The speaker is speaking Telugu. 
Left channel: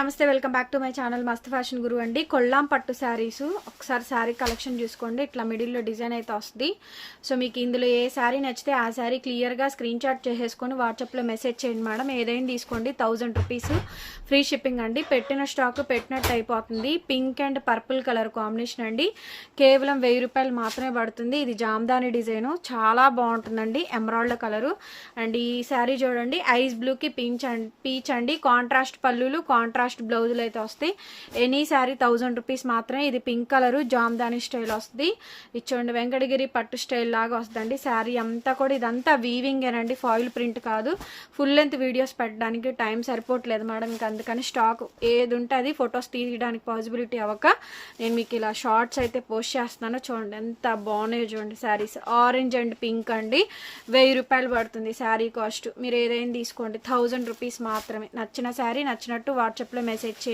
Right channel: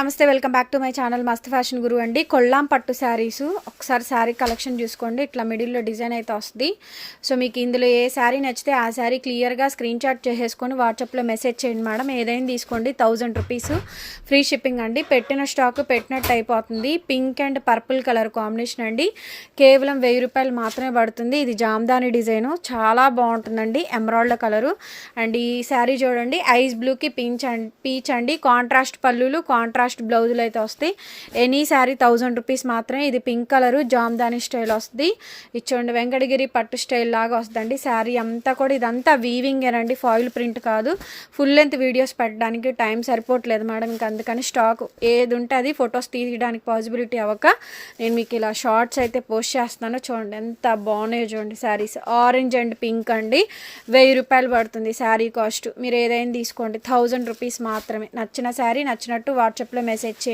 నమస్తే welcome back to my channel మస్త్ ఫ్యాషన్ గురు అండి. కొల్లాం పట్టు శారీస్ ఒకసారి శారీ కలెక్షన్ చూసుకోండి. ఇట్లా మిడిల్లో డిజైన్ అయితే వస్తుంది. సో మీకు ఇందులో ఏ శారీ నచ్చితే ఆ శారీ క్లియర్గా స్క్రీన్ షాట్ చేసేసుకొని వాట్సాప్లో మెసేజ్ చేయండి మేడం. ఏదైనా తీసుకోండి, 1000 రూపీస్ ఫ్రీ షిప్పింగ్ అండి. పెట్టిన స్టాక్ పెట్టినట్టు అయిపోతుంది. Pink and purple colour combination అండి. కేవలం 1000 రూపాయలు మాత్రమే పడుతుంది. ఇది జామ్దాని డిజైను, చాలా బాగుంటుందండి. ఎమరాల్డ్ కలరు అండ్ ఈ శారీ చూడండి, ఐస్ బ్లూకి పీచ్ అండి. కాంట్రాస్ట్ పళ్ళులు, కాంట్రాస్ట్ బ్లౌజులు అయితే వస్తాయి. ఎనీ శారీ 1000 రూపీస్ మాత్రమే. ఇది పింక్ కలరు జామ్దాని స్టైల్ వస్తుంది. ఇచ్చోండి వెంకటగిరి పట్టు స్టైల్ లాగా వస్తుందండి. శారీ అంతా కూడా ఇదంతా వీవింగ్ ఏనండి, ఫాయిల్ ప్రింట్ కాదు. ఫుల్ లెంత్ వీడియోస్ పెట్టడానికి టైం సరిపోవట్లేదు మేడం. ఇంకా అందుకని స్టాక్ ఏది ఉంటే అది ఫొటోస్ తీయడానికి పాసిబిలిటీ అవ్వక నేను మీకు ఇలా షార్ట్స్ అయితే పోస్ట్ చేస్తున్నాను. చూడండి ఎంత బాగున్నాయో చూడండి శారీస్. ఆరెంజ్ అండ్ పింక్ అండి. 1000 రూపాయలు పడుతుంది శారీ కాస్ట్. మీరు ఏదైనా తీసుకోండి, 1000 రూపీస్ మాత్రమే. నచ్చిన శారీ నచ్చినట్టు వాట్సాప్లో మెసేజ్ చేయండి.